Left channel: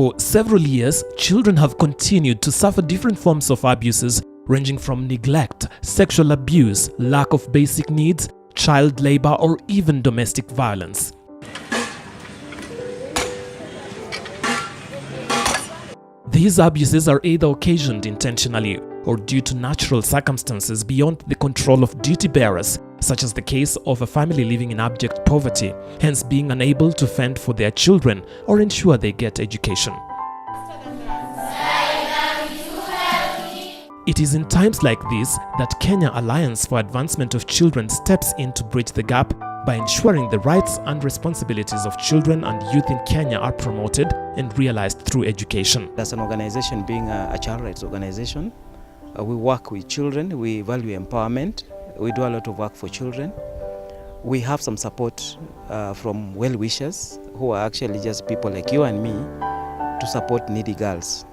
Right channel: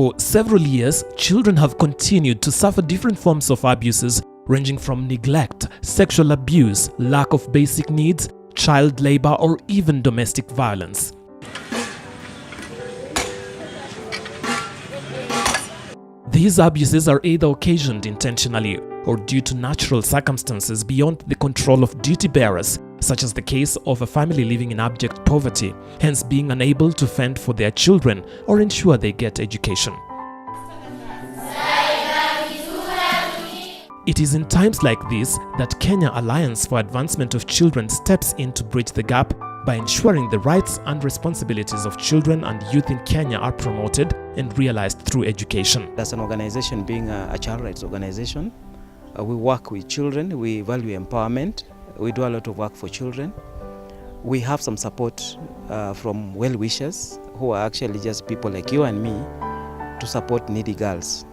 For several years, children have continued to suffer different forms of abuses ranging from neglect, sexual abuse, lack of basic needs, child labor, or even domestic violence. These abuses are either occasioned intentionally or due to natural circumstances beyond the control of duty bearers, such as the case of a family living in abject poverty, hence being unable to fend for their children or ensure they get education. It is in times like this that Kenya Alliance for Advancement of Children steps in to bridge the gap by ensuring the rights and responsibilities of children and youth in Kenya are promoted and realized through education. As an organization, being a child rights organization, we work with children, we value empowerment, we do a lot of work for children. We have some support from well-wishers who are actually just people like you and me to support needy girls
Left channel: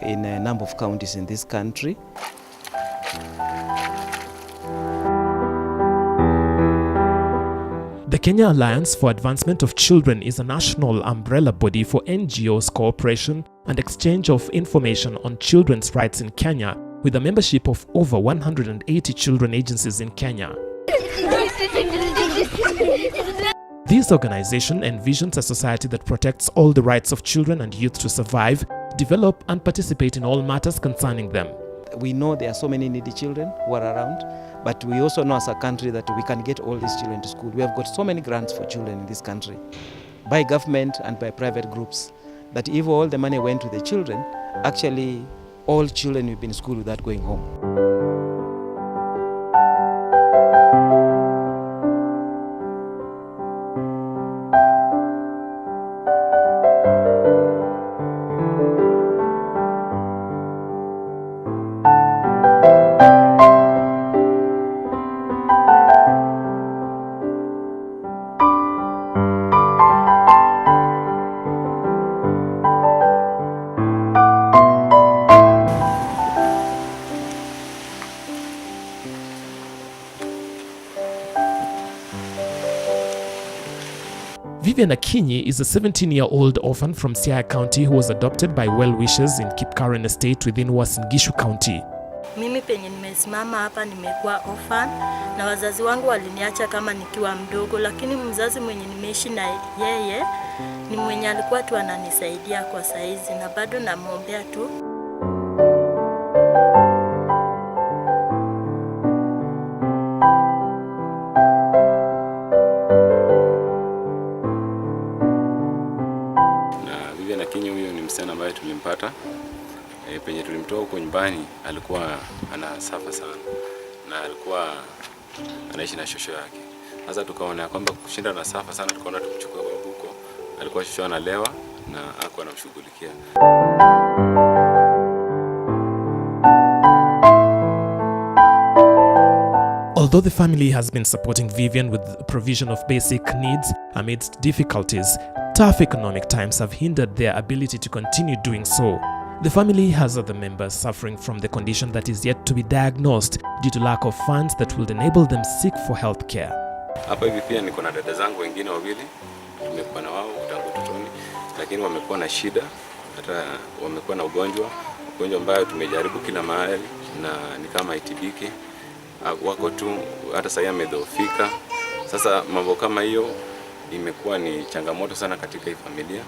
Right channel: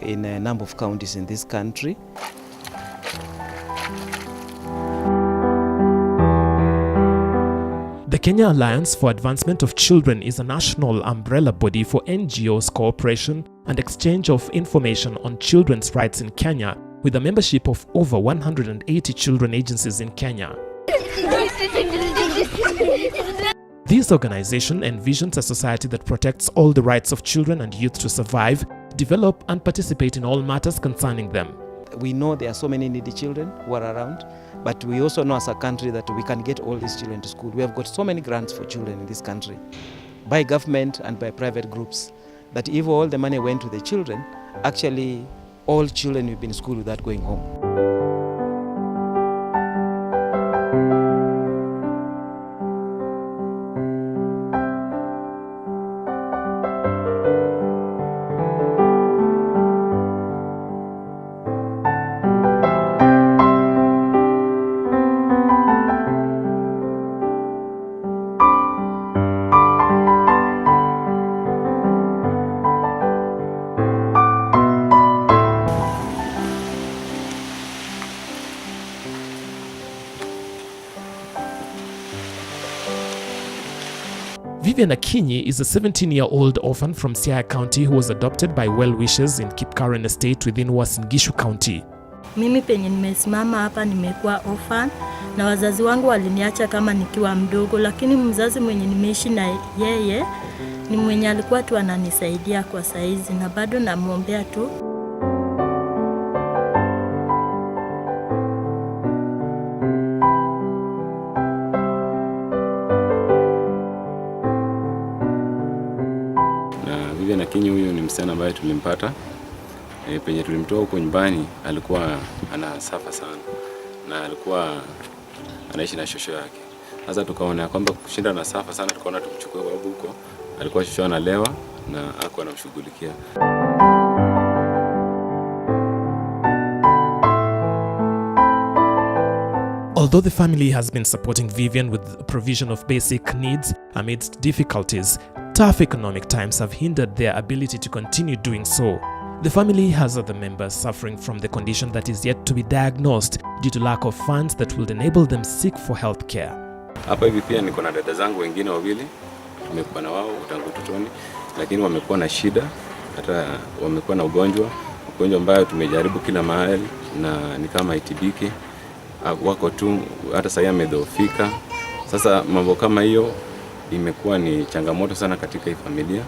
in a number of counties in this country. The Kenya Alliance for Advancement of Children is a national umbrella body for NGOs cooperation and exchange of information on children's rights in Kenya, with a membership of over 180 children agencies in Kenya. This organization envisions a society that protects all the rights of children and youth to survive, develop, and participate in all matters concerning them. We know there are so many needy children who are around, but we also know as a country that we can get all these children to school. We have got so many grants for children in this country, by government and by private groups, that if all the money went to the children, actually all children will be in school without going home. Vivian Akinyi is a 17-year-old orphan from Siaya County who was adopted by well-wishers in Kipkaren Estate within Uasin Gishu County. Mimi penye nimesimama hapa nimekuwa orphan na wazazi wangu waliniacha kama nikiwa mdogo, lakini mzazi mwenye nimeishi na yeye ni mwenye alikuwa tu ananisaidia kwa saizi na bado namuombea tu. Vivian Akinyi huyo ni msichana ambaye tulimpata penye tulimtoa huko nyumbani, alikuwa anasafa sana na alikuwa anaishi na shosho yake. Sasa tukaona kwamba kushinda na safa sana, tukaona tumchukue babu huko. Alikuwa shosho analewa na hakuwa anamshughulikia. Although the family has been supporting Vivian with the provision of basic needs amidst difficulties, tough economic times have hindered their ability to continue doing so. The family has other members suffering from the condition that is yet to be diagnosed due to lack of funds that will enable them seek for health care. Hapa hivi pia niko na dada zangu wengine wawili, tumekuwa na wao tangu utotoni, lakini wamekuwa na shida, hata wamekuwa na ugonjwa ambayo tumejaribu kila mahali na ni kama itibiki. Wako tu hata sasa amedhoofika. Sasa mambo kama hiyo imekuwa ni changamoto sana katika hii familia.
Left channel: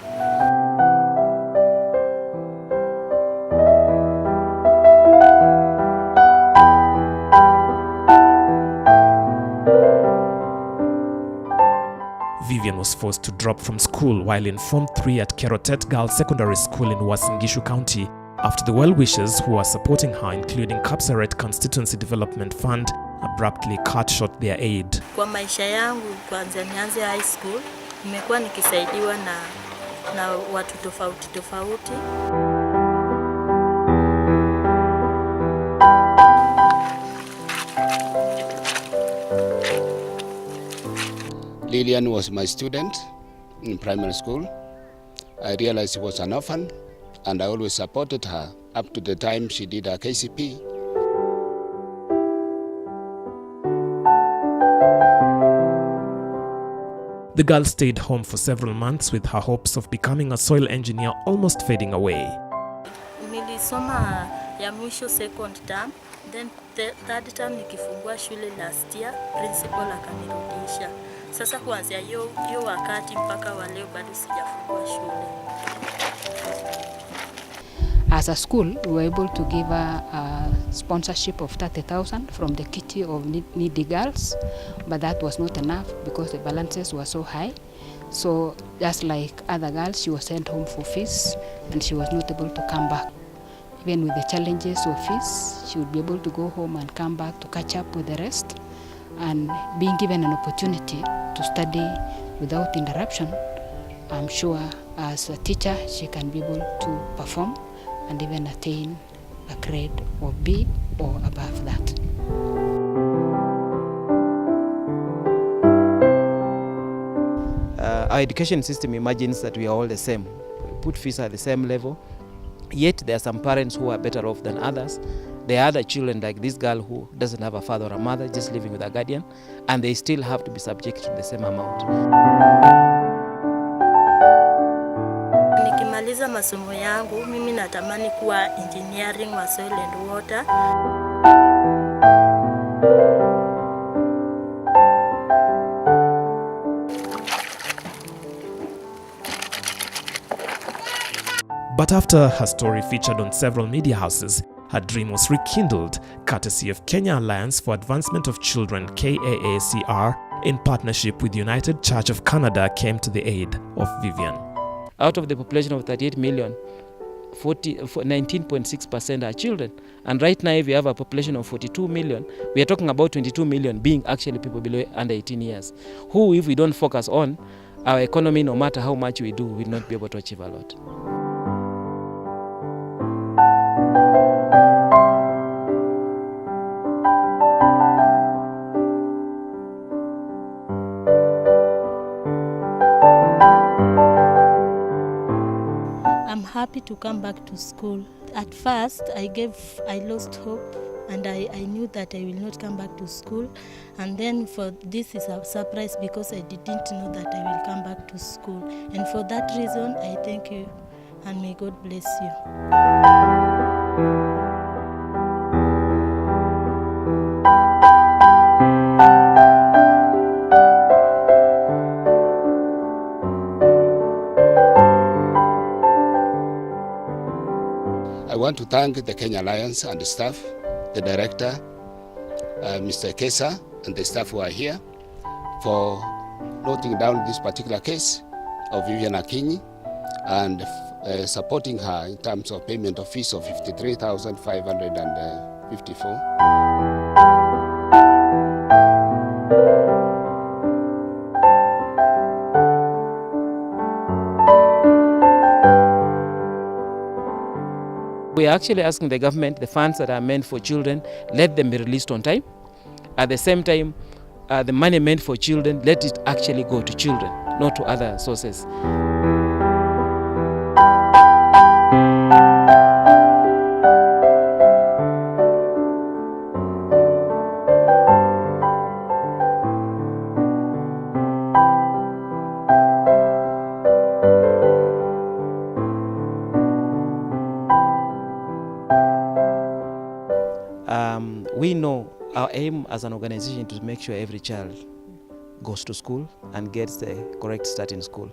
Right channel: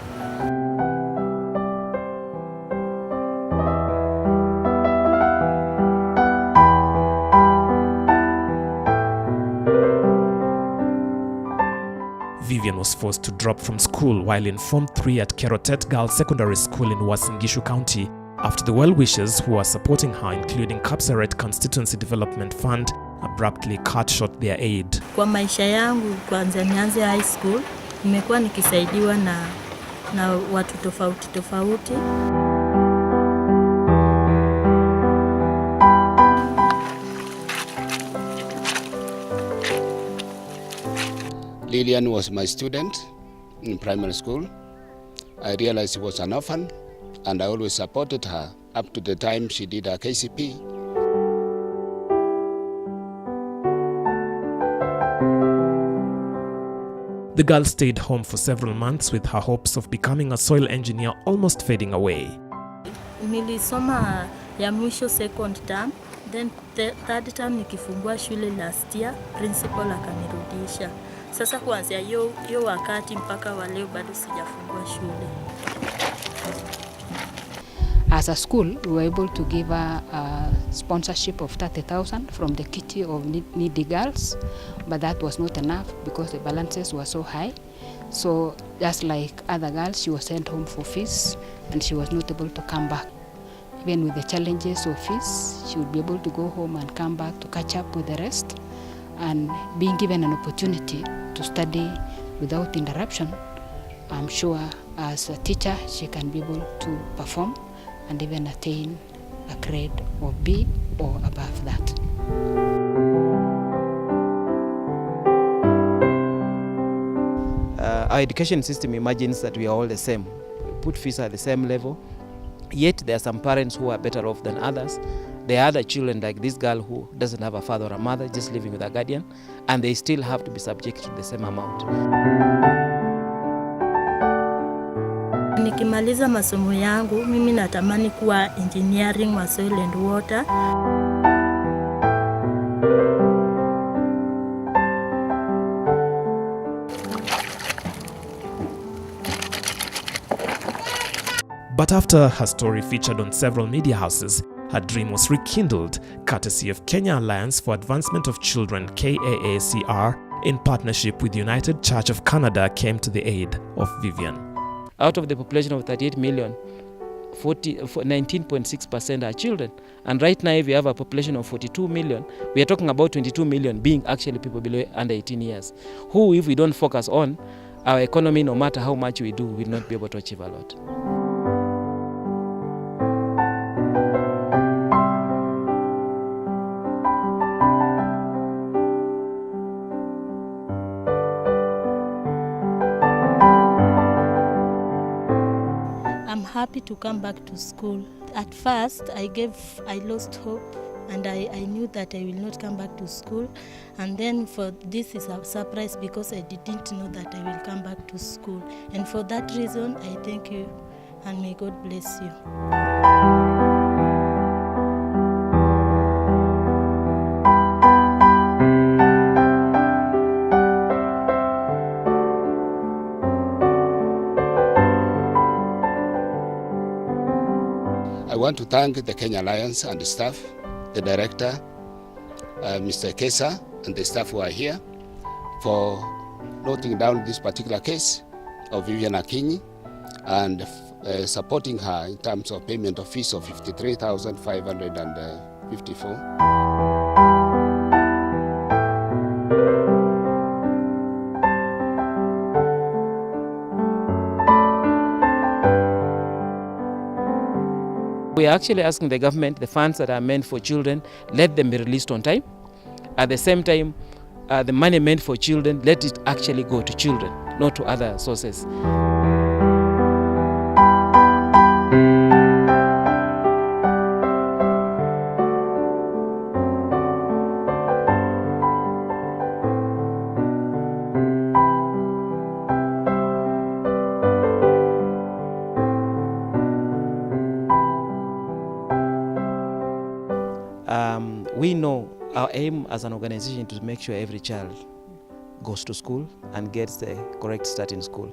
Vivian was forced to drop from school while in Form 3 at Kerotet Girls Secondary School in Uasin Gishu County after the well-wishers who are supporting her, including Kapseret Constituency Development Fund, abruptly cut short their aid. Kwa maisha yangu kwanza nianze high school, nimekuwa nikisaidiwa na watu tofauti. Lillian was my student in primary school. I realized she was an orphan and I always supported her up to the time she did her KCP. The girl stayed home for several months with her hopes of becoming a soil engineer almost fading away. Nilisoma ya mwisho second term, then third term nikifungua shule last year, principal akanirudisha. Sasa kuanzia hiyo wakati mpaka wa leo bado sijafungua shule. As a school, we were able to give a sponsorship of 30,000 from the kitty of needy girls, but that was not enough because the balances were so high. So just like other girls, she was sent home for fees and she was not able to come back. Even with the challenges of fees, she would be able to go home and come back to catch up with the rest. And being given an opportunity to study without interruption, I'm sure as a teacher she can be able to perform and even attain a grade of B or above that. Our education system imagines that we are all the same. We put fees at the same level, yet there are some parents who are better off than others. There are other children like this girl who doesn't have a father or a mother, just living with a guardian, and they still have to be subject to the same amount. Nikimaliza masomo yangu, mimi natamani kuwa engineering wa soil and water. But after her story featured on several media houses, her dream was rekindled, courtesy of Kenya Alliance for Advancement of Children, KAACR, in partnership with United Church of Canada, came to the aid of Vivian. Out of the population of 38 million, 19.6% are children. And right now, if we have a population of 42 million, we are talking about 22 million being actually people below under 18 years, who, if we don't focus on, our economy, no matter how much we do, will not be able to achieve a lot. I'm happy to come back to school. At first, I lost hope and I knew that I will not come back to school. And then for this is a surprise because I didn't know that I will come back to school. And for that reason, I thank you and may God bless you. I want to thank the Kenya Alliance and the staff, the director, Mr. Kesa, and the staff who are here for noting down this particular case of Vivian Akinyi and supporting her in terms of payment of fees of 53,554. We are actually asking the government, the funds that are meant for children, let them be released on time. At the same time, the money meant for children, let it actually go to children, not to other sources. We know our aim as an organization is to make sure every child goes to school and gets the correct start in school.